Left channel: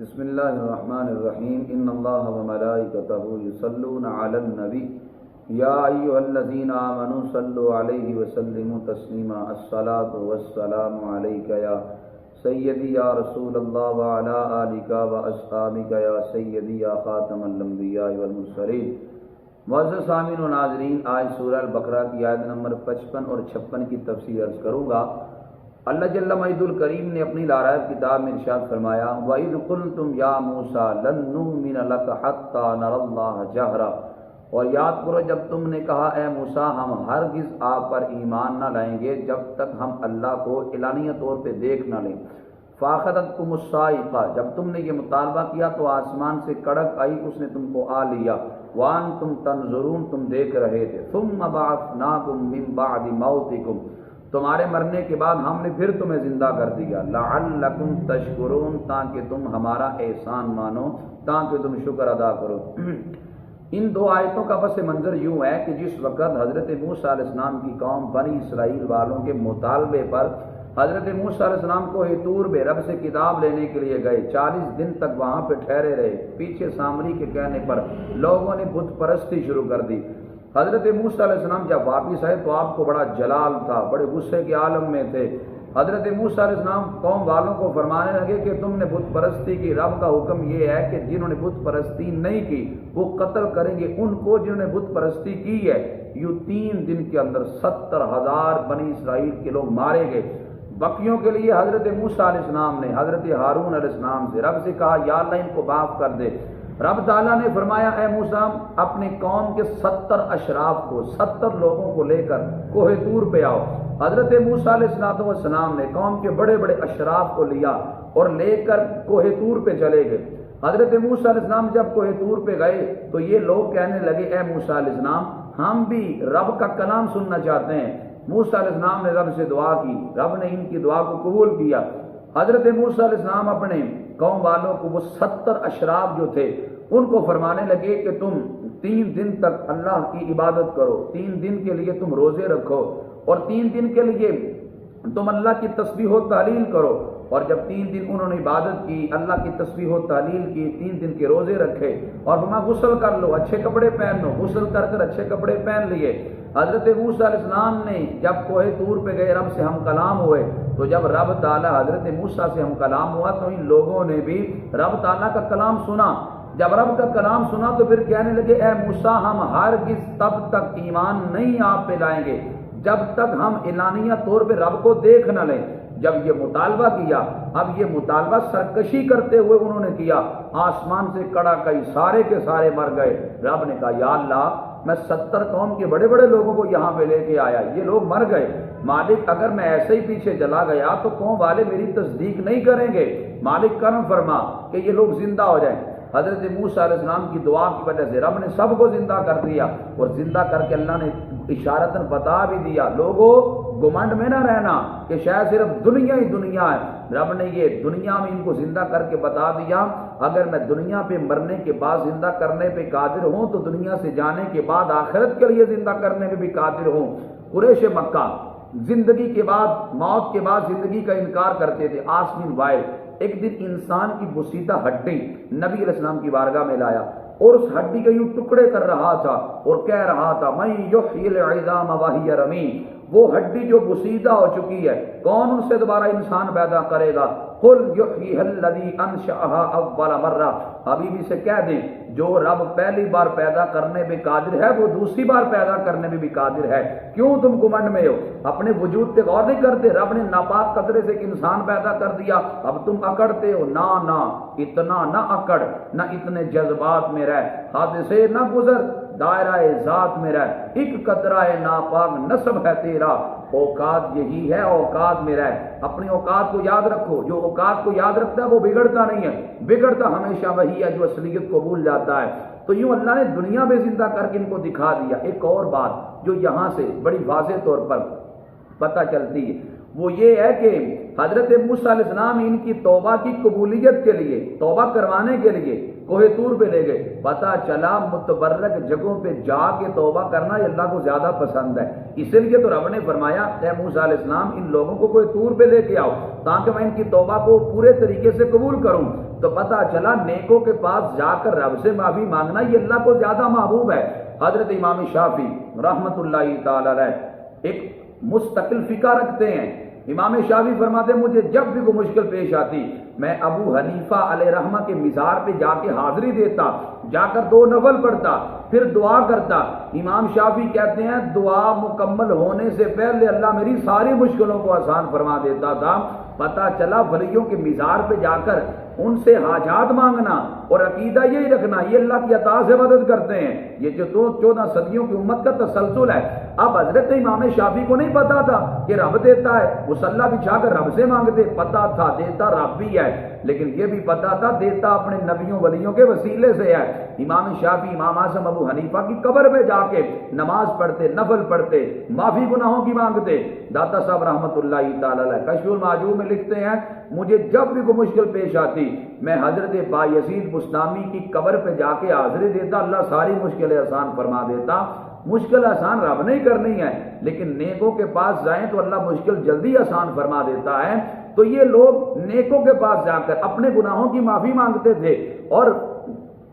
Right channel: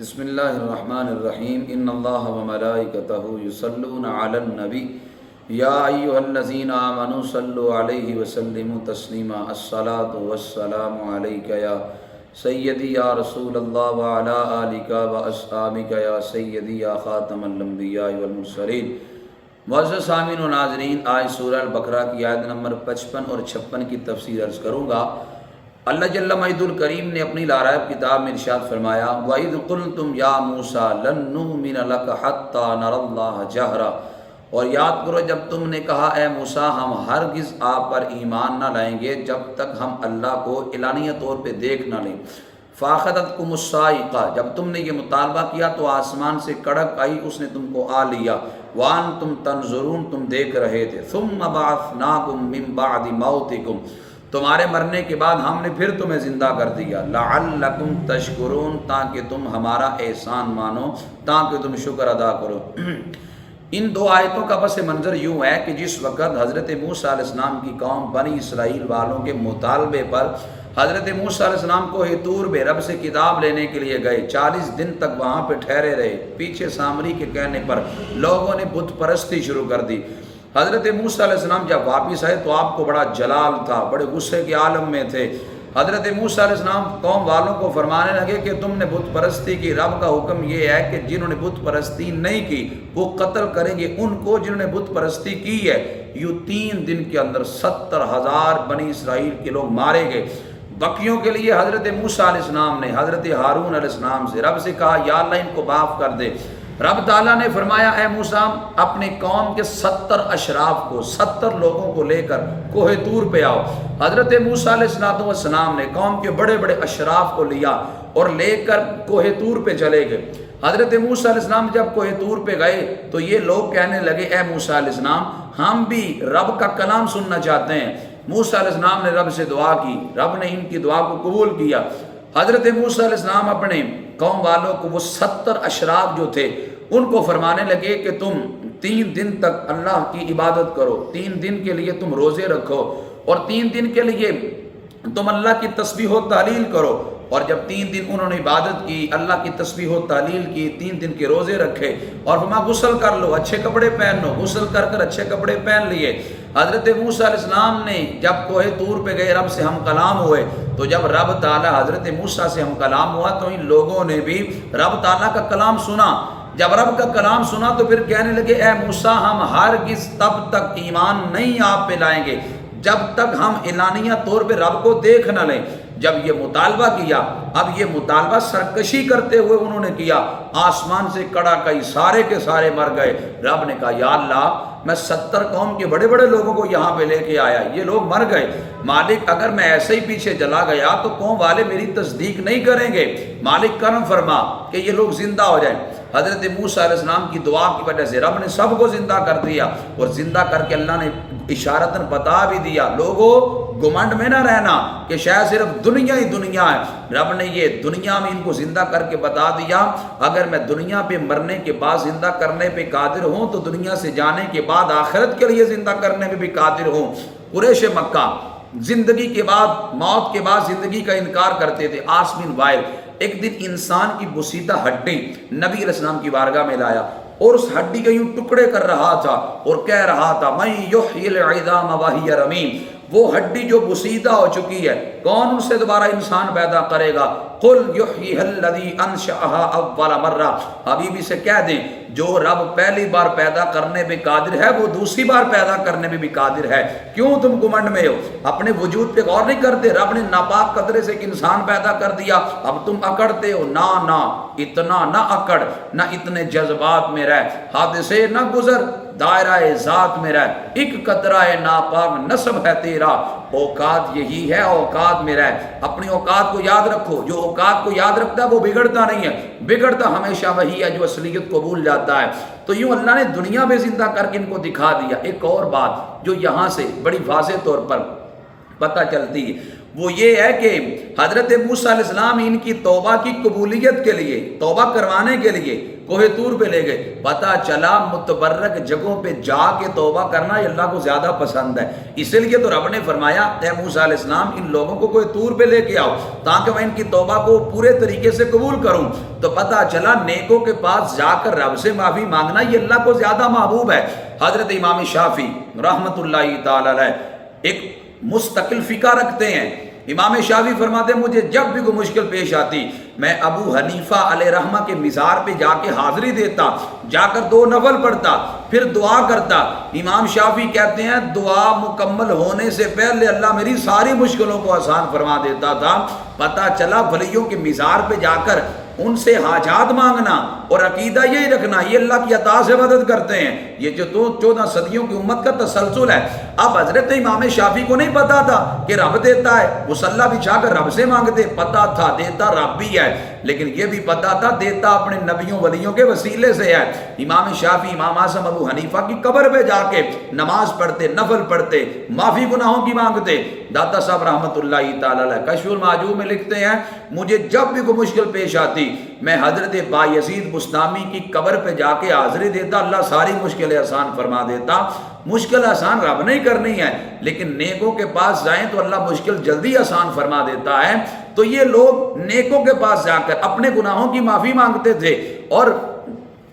بسم اللہ الرحمن الرحیم ان اللہ وملائکتہ یصلون علی النبی یا ایھا الذین آمنوا صلوا علیہ وسلموا تسلیما الصلاۃ والسلام علیک یا سیدی یا رسول اللہ وعلی آلک واصحابک یا سیدی یا خاتم الانبیاء والمرسلین۔ معزز سامعین و ناظرین، آج سورہ البقرہ کی آیت نمبر 55 اور 56 کی تفسیر عرض کروں گا۔ اللہ جل مجدہ الکریم نے اپنی لارائب کتاب میں ارشاد فرمایا وَإِذْ قُلْتُمْ يَا مُوسَىٰ لَن نُّؤْمِنَ لَكَ حَتَّىٰ نَرَى اللَّهَ جَهْرًا، اور یاد کرو جب تم نے کہا اے موسیٰ ہم ہرگز آپ پر ایمان نہ لائیں گے جب تک ہم اللہ کو اعلانیہ طور پہ دیکھ نہ لیں۔ فَأَخَذَتْكُمُ الصَّاعِقَةُ، جب تم نے یہ مطالبہ کیا تو آسمان سے کڑک آئی، اس نے تم کو آ لیا۔ وَأَنْتُمْ تَنظُرُونَ، تم دیکھ رہے تھے۔ ثُمَّ بَعَثْنَاكُمْ مِن بَعْدِ مَوْتِكُمْ، تمہارے مرنے کے بعد ہم نے پھر تمہیں زندہ کر دیا۔ لعلکم تشکرون، تاکہ تم ہمارا احسان مانو، تاکہ تم شکر ادا کرو۔ ان دو آیتوں کا پس منظر یوں ہے کہ جس وقت حضرت موسیٰ علیہ السلام کی قوم بنی اسرائیل والوں کے مطالبے پر حضرت موسیٰ علیہ السلام کو طور بے رب سے کتاب لینے کے لیے گئے، 40 دن تک وہاں پہ ٹھہرے رہے، پیچھے سامری کے کہنے پر لوگوں نے بت پرستی شروع کر دی۔ حضرت موسیٰ علیہ السلام جب واپس آئے تو آپ کو بڑا جلال تھا، بڑے غصے کے عالم میں تھے۔ حضرت موسیٰ علیہ السلام قوم والوں کو فرمانے لگے کہ تم نے بت پرستی کی، رب کا حکم یہ ہے کہ جنہوں نے بت پرستی نہیں کی وہ قتل کریں گے ان کو جنہوں نے بت پرستی کی ہے۔ یوں 3 دن کے اندر 70,000 بنی اسرائیل کے لوگ مارے گئے۔ بقیوں کے لیے حضرت موسیٰ علیہ السلام نے حضرت ہارون علیہ السلام سے رب سے کہا یا اللہ ان کو معاف کر دے۔ رب تعالیٰ نے فرمایا اے موسیٰ اپنی قوم کے 70 اشراف کو، 70 لوگوں کو لے کر کوہ طور پہ آؤ۔ حضرت موسیٰ علیہ السلام نے قوم کے بڑے بڑے اشراف کو لیا اور لے کر کوہ طور پہ چلے گئے۔ حضرت موسیٰ علیہ السلام جب کوہ طور پہ گئے تو یہ لوگ کہنے لگے اے موسیٰ علیہ السلام ہم بھی رب کا کلام سننا چاہتے ہیں۔ موسیٰ علیہ السلام نے رب سے دعا کی، رب نے ان کی دعا کو قبول کیا۔ حضرت موسیٰ علیہ السلام اپنے قوم والوں کو وہ 70 اشراف جو تھے ان کو فرمانے لگے کہ تم 3 دن تک اللہ کی عبادت کرو، 3 دن کے لیے تم روزے رکھو اور 3 دن کے لیے تم اللہ کی تسبیح و تحلیل کرو۔ اور جب 3 دن انہوں نے عبادت کی، اللہ کی تسبیح و تحلیل کی، 3 دن کے روزے رکھے اور فرمایا غسل کر لو، اچھے کپڑے پہن لو، غسل کر کر اچھے کپڑے پہن لیے۔ حضرت موسیٰ علیہ السلام نے جب کوہ طور پہ گئے رب سے ہم کلام ہوئے تو جب رب تعالیٰ حضرت موسیٰ سے ہم کلام ہوا تو ان لوگوں نے بھی رب تعالیٰ کا کلام سنا۔ جب رب کا کلام سنا تو پھر کہنے لگے اے موسیٰ ہم ہرگز تب تک ایمان نہیں آپ پہ لائیں گے جب تک ہم اعلانیہ طور پہ رب کو دیکھ نہ لیں۔ جب یہ مطالبہ کیا، اب یہ مطالبہ سرکشی کرتے ہوئے انہوں نے کیا، آسمان سے کڑا کئی سارے کے سارے مر گئے۔ رب نے کہا یا اللہ میں 70 قوم کے بڑے بڑے لوگوں کو یہاں پہ لے کے آیا، یہ لوگ مر گئے، مالک اگر میں ایسے ہی پیچھے چلا گیا تو قوم والے میری تصدیق نہیں کریں گے، مالک کرم فرما کہ یہ لوگ زندہ ہو جائیں۔ حضرت موسیٰ علیہ السلام کی دعا کی وجہ سے رب نے سب کو زندہ کر دیا، اور زندہ کر کے اللہ نے اشارتاً بتا بھی دیا لوگوں گمنڈ میں نہ رہنا کہ شاید صرف دنیا ہی دنیا ہے۔ رب نے یہ دنیا میں ان کو زندہ کر کے بتا دیا اگر میں دنیا پہ مرنے کے بعد زندہ کرنے پہ قادر ہوں تو دنیا سے جانے کے بعد آخرت کے لیے زندہ کرنے میں بھی قادر ہوں۔ قریش مکہ زندگی کے بعد، موت کے بعد زندگی کا انکار کرتے تھے۔ عاص بن وائل ایک دن انسان کی بسیدہ ہڈی نبی علیہ السلام کی بارگاہ میں لایا اور اس ہڈی کے یوں ٹکڑے کر رہا تھا اور کہہ رہا تھا من یحیی العظام وہی رمیم، وہ ہڈی جو بسیدہ ہو چکی ہے کون ان سے دوبارہ انسان پیدا کرے گا؟ قل یحییھا الذی انشأھا اول مرہ، حبیبی سے کہہ دیں جو رب پہلی بار پیدا کرنے پہ قادر ہے وہ دوسری بار پیدا کرنے پہ بھی قادر ہے۔ کیوں تم گمنڈ میں ہو؟ اپنے وجود پہ غور نہیں کرتے؟ رب نے ناپاک قطرے سے ایک انسان پیدا کر دیا، اب تم اکڑتے ہو؟ نہ اتنا نہ اکڑ، نہ اتنے جذبات میں رہ، حادثے نہ گزر، دائرہ ذات میں رہ، ایک قطرہ ناپاک نسب ہے تیرا، اوقات یہی ہے، اوقات میں رہ، اپنی اوقات کو یاد رکھو۔ جو اوقات کو یاد رکھتا ہے وہ بگڑتا نہیں ہے، بگڑتا ہمیشہ وہی ہے جو اصلیت کو بھول جاتا ہے۔ تو یوں اللہ نے دنیا میں زندہ کر کے ان کو دکھا دیا۔ ایک اور بات جو یہاں سے بڑی واضح طور پر پتہ چلتی ہے وہ یہ ہے کہ حضرت موسیٰ علیہ السلام ان کی توبہ کی قبولیت کے لیے، توبہ کروانے کے لیے کوہ طور پہ لے گئے. پتہ چلا متبرک جگہوں پہ جا کے توبہ کرنا یہ اللہ کو زیادہ پسند ہے. اس لیے تو رب نے فرمایا اے موسیٰ علیہ السلام ان لوگوں کو کوہ طور پہ لے کے آؤ تاکہ میں ان کی توبہ کو پورے طریقے سے قبول کروں. تو پتہ چلا نیکوں کے پاس جا کر رب سے معافی مانگنا یہ اللہ کو زیادہ محبوب ہے. حضرت امام شافعی رحمۃ اللہ تعالی علیہ ایک مستقل فقہ رکھتے ہیں. امام شافعی فرماتے ہیں مجھے جب بھی کوئی مشکل پیش آتی میں ابو حنیفہ علیہ رحمہ کے مزار پہ جا کے حاضری دیتا، جا کر 2 نفل پڑھتا، پھر دعا کرتا. امام شافعی کہتے ہیں دعا مکمل ہونے سے پہلے اللہ میری ساری مشکلوں کو آسان فرما دیتا تھا. پتہ چلا ولیوں کے مزار پہ جا کر ان سے حاجات مانگنا اور عقیدہ یہی رکھنا یہ اللہ کی عطا سے مدد کرتے ہیں. یہ جو 14 صدیوں کی امت کا تسلسل ہے. اب حضرت امام شافعی کو نہیں پتا تھا کہ رب دیتا ہے، مصلی بچھا کر رب سے مانگتے. پتا تھا دیتا رب بھی ہے، لیکن یہ بھی پتا تھا دیتا اپنے نبیوں ولیوں کے وسیلے سے ہے. امام شافعی امام اعظم ابو حنیفہ کی قبر پہ جا کے نماز پڑھتے، نفل پڑھتے، معافی گناہوں کی مانگتے. داتا صاحب رحمۃ اللہ تعالی علیہ کشف المعجوب میں لکھتے ہیں مجھے جب بھی کوئی مشکل پیش آتی میں حضرت بایزید بستامی کی قبر پہ جا کے حاضری دیتا، اللہ ساری مشکلیں آسان فرما دیتا. مشکل آسان رب نہیں کرنی ہے، لیکن نیکوں کے پاس جائیں تو اللہ مشکل جلدی آسان فرما دیتا ہے. تو یہ لوگ نیکوں کے پاس جا کر اپنے گناہوں کی معافی مانگتے تھے اور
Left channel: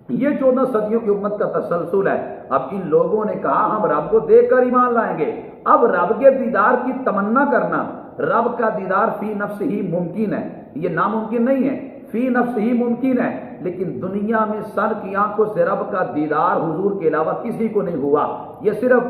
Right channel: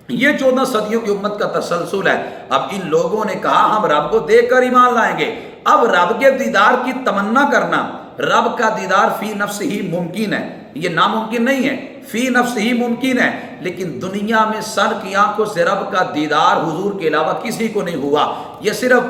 یہ 14 صدیوں کی امت کا تسلسل ہے. اب ان لوگوں نے کہا ہم رب کو دیکھ کر ایمان لائیں گے. اب رب کے دیدار کی تمنا کرنا، رب کا دیدار فی نفس ہی ممکن ہے، یہ ناممکن نہیں ہے، فی نفس ہی ممکن ہے. لیکن دنیا میں سر کی آنکھوں سے رب کا دیدار حضور کے علاوہ کسی کو نہیں ہوا. یہ صرف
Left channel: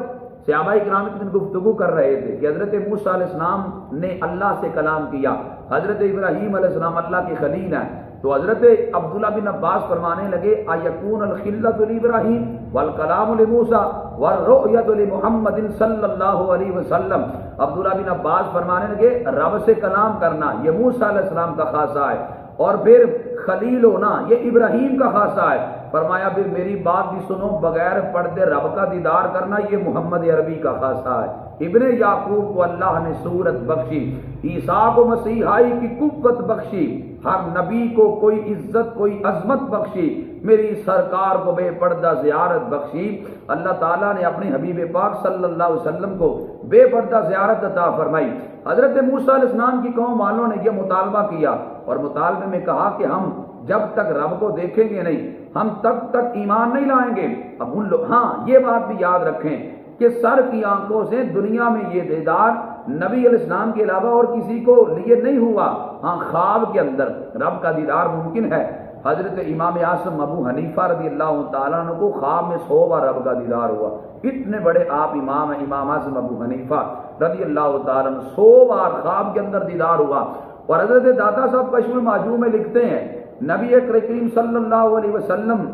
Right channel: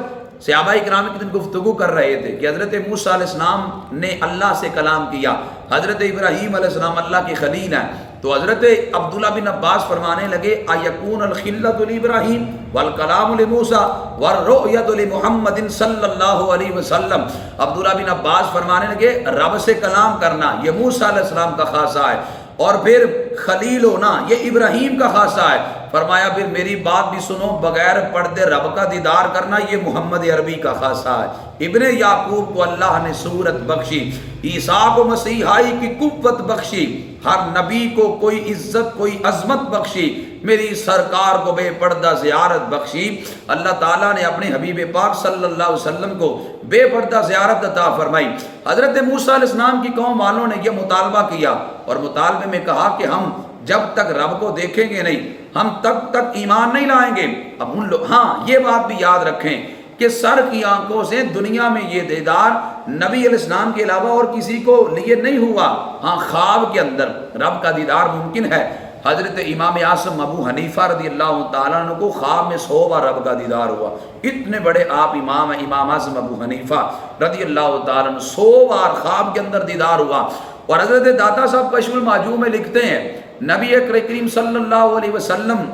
صحابہ اکرام کی گفتگو کر رہے تھے کہ حضرت موسیٰ علیہ السلام نے اللہ سے کلام کیا، حضرت ابراہیم علیہ السلام اللہ کی خلیل ہیں. تو حضرت عبداللہ بن عباس فرمانے لگے ایکون الخلۃ لابراہیم والکلام لموسیٰ والرؤیۃ لمحمد صلی اللہ علیہ وسلم. عبداللہ بن عباس فرمانے لگے رب سے کلام کرنا یہ موسیٰ علیہ السلام کا خاصہ ہے اور پھر خلیل ہونا یہ ابراہیم کا خاصہ ہے. فرمایا پھر میری بات بھی سنو، بغیر پردے رب کا دیدار کرنا یہ محمد عربی کا خاصہ ہے. ابن یعقوب کو اللہ نے صورت بخشی، عیسیٰ کو مسیحائی کی قوت بخشی، ہر نبی کو کوئی عزت کوئی عظمت بخشی، میری سرکار کو بے پردہ زیارت بخشی. اللہ تعالیٰ نے اپنے حبیب پاک صلی اللہ علیہ وسلم کو بے پردہ زیارت عطا فرمائی. حضرت موسیٰ علیہ السلام کی قوم والوں نے یہ مطالبہ کیا اور مطالبے میں کہا کہ ہم جب تک رب کو دیکھیں گے نہیں ہم تب تک ایمان نہیں لائیں گے. اب ان لوگ یہ بات بھی یاد رکھیں کہ سر کی آنکھوں سے دنیا میں یہ دیدار نبی علیہ السلام کے علاوہ اور کسی کو لیے نہیں ہوا. خواب کے اندر رب کا دیدار ممکن ہے. حضرت امام اعظم ابو حنیفہ رضی اللہ تعالیٰ عنہ کو خواب میں 100 بار رب کا دیدار ہوا. اتنے بڑے آپ امام ہیں امام اعظم ابو حنیفہ رضی اللہ تعالیٰ عنہ 100 بار خواب کے اندر دیدار ہوا. اور حضرت داتا صاحب کشف المعجوب میں لکھتے ہیں نبی کریم صلی اللہ علیہ وسلم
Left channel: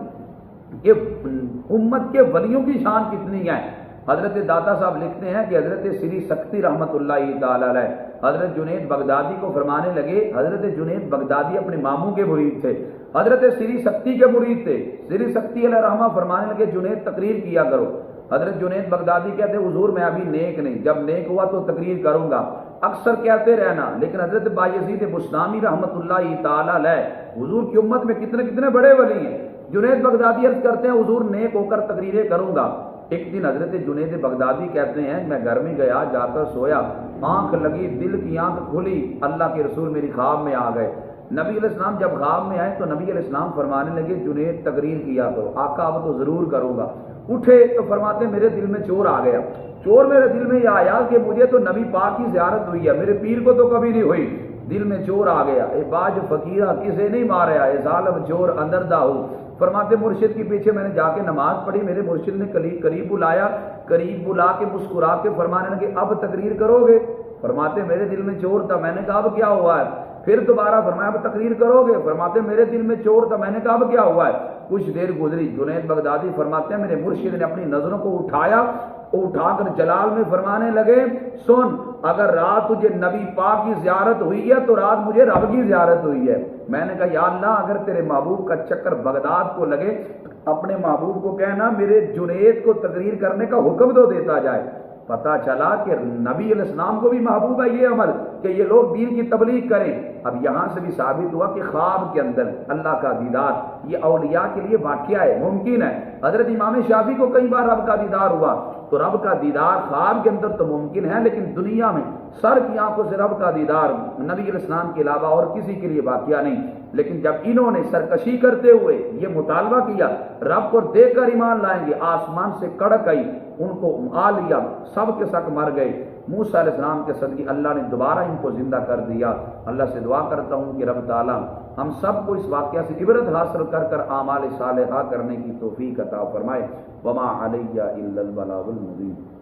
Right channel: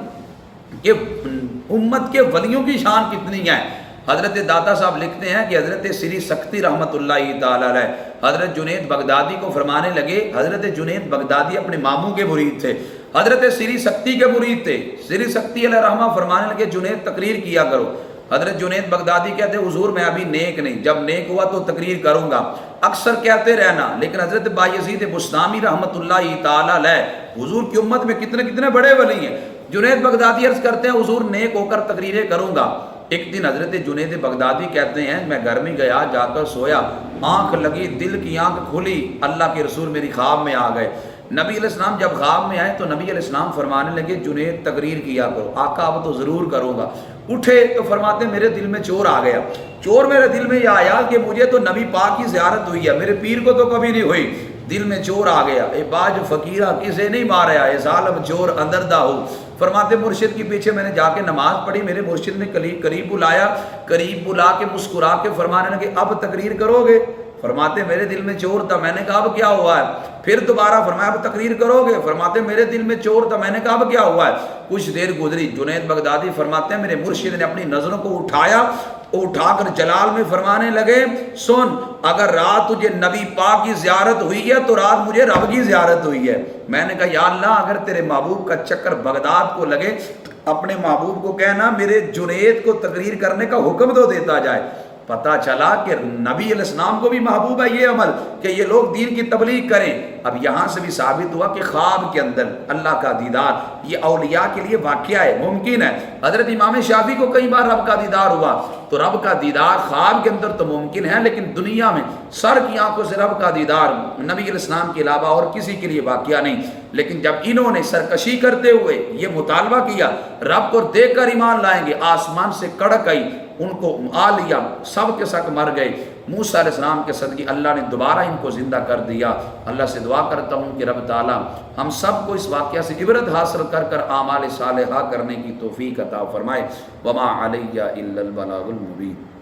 کہ امت کے ولیوں کی شان کتنی ہے. حضرت داتا صاحب لکھتے ہیں کہ حضرت سری سکتی رحمۃ اللہ تعالی علیہ حضرت جنید بغدادی کو فرمانے لگے. حضرت جنید بغدادی اپنے ماموں کے مرید تھے، حضرت سری سکتی کے مرید تھے. سری سکتی علیہ رحمہ فرمانے لگے جنید تقریر کیا کرو. حضرت جنید بغدادی کہتے ہیں حضور میں ابھی نیک نہیں، جب نیک ہوا تو تقریر کروں گا، اکثر کہتے رہنا. لیکن حضرت بایزید بستامی رحمۃ اللہ تعالی علیہ حضور کی امت میں کتنے کتنے بڑے ولی ہیں. جنید بغدادی عرض کرتے ہیں حضور نیک ہو کر تقریریں کروں گا. ایک دن حضرت جنید بغدادی کہتے ہیں میں گھر میں گیا، جا کر سویا، آنکھ لگی، دل کی آنکھ کھلی، اللہ کے رسول میری خواب میں آ گئے. نبی علیہ السلام جب خواب میں آئے تو نبی علیہ السلام فرمانے لگے جنید تقریر کیا کرو. آقا اب تو ضرور کروں گا. اٹھے تو فرماتے میرے دل میں چور آ گیا. چور میرے دل میں یہ آیا کہ مجھے تو نبی پاک کی زیارت ہوئی ہے، میرے پیر کو تو کبھی نہیں ہوئی. دل میں چور آ گیا. اے باج فقیرہ کسے نہیں ماریا، اے ظالم چور اندر دا ہو. فرماتے مرشد کے پیچھے میں نے جا کے نماز پڑھی، میرے مرشد نے قریب بلایا، قریب بلا کے مسکرا کے فرمانے لگے اب تقریر کرو گے. فرماتے میرے دل میں چور تھا. میں نے کہا اب کیا ہوا ہے؟ پھر دوبارہ فرمایا اب تقریر کرو گے. فرماتے میرے دل میں چور تھا. میں نے کہا اب کیا ہوا ہے؟ کچھ دیر گزری. جنید بغدادی فرماتے ہیں میرے مرشد نے اپنی نظروں کو اٹھا کر جلال میں فرمانے لگے سن، اگر رات تجھے نبی پاک کی زیارت ہوئی ہے تو رات مجھے رب کی زیارت ہوئی ہے. میں نے کہا یا اللہ اگر تیرے محبوب کا چکر بغداد کو لگے اپنے محبوب کو کہنا میرے جنید کو تقریر کرنے کا حکم تو دیتا جائے. پتہ چلا کہ نبی علیہ السلام کو بھی محبوب ہے یہ عمل کہ یہ لوگ دین کی تبلیغ کریں۔ اب یہاں سے بھی ثابت ہوا کہ خواب کے اندر اللہ کا دیدار یہ اولیاء کے لیے واقعہ ہے، ممکن ہے۔ حضرت امام شافعی کو کئی بار رب کا دیدار ہوا، تو رب کا دیدار خواب کے اندر تو ممکن ہے، لیکن دنیا میں سر کی آنکھوں سے رب کا دیدار نبی علیہ السلام کے علاوہ اور کسی کے لیے واقعہ نہیں۔ لیکن جب انہوں نے سرکشی کرتے ہوئے یہ مطالبہ کیا رب کو دیکھ کر ایمان لائیں گے، آسمان سے کڑک آئی، ان کو آ لیا، سب کے ساتھ مر گئے۔ موسیٰ علیہ السلام کے صدقے اللہ نے دوبارہ ان کو زندہ کر دیا۔ اللہ سے دعا کرتا ہوں کہ رب تعالی ہم سب کو اس واقعہ سے عبرت حاصل کر کر اعمال صالحہ کرنے کی توفیق عطا فرمائے۔ وما علیہ الا البلاغ المبین۔